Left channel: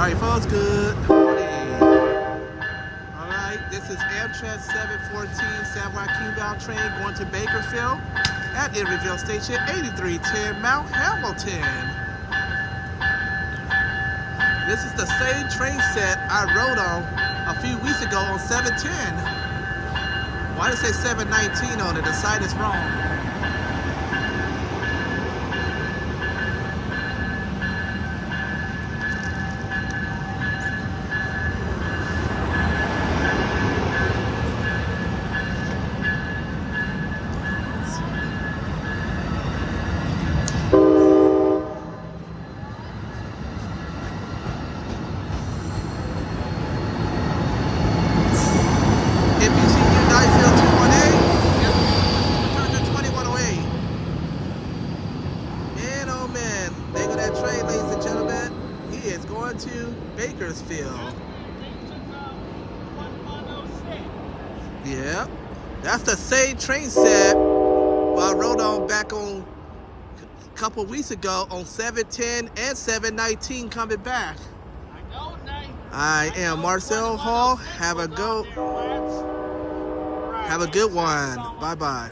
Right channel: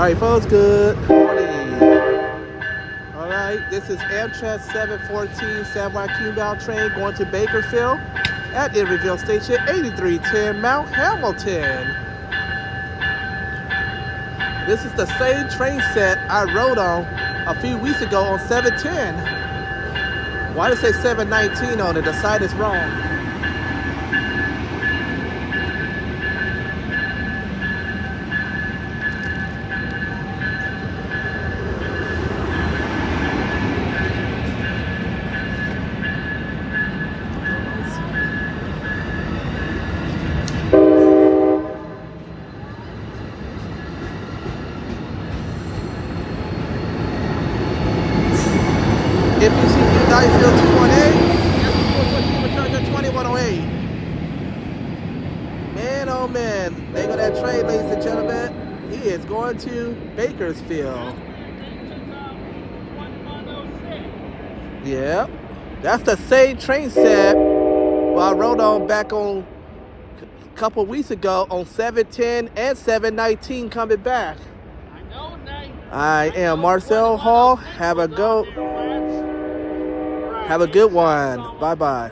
Alright folks, good morning. Alright, this is Amtrak 714 San Joaquin bound train going to Bakersfield at Emeryville Station 8310 Mount Hamilton. This is the same train set I rode on a few weeks ago on 710. Why does it say 719 on it? The sign is wrong. FECU Field 21A, return to 2108. Man, oh man, there go that train, ladies and gentlemen. He is going to Bakersfield. Yeah, that's the same train set I rode on back on a couple weeks ago on 710 and 719 coming back. I am Marcel Hall. Have a good one. Bye-bye.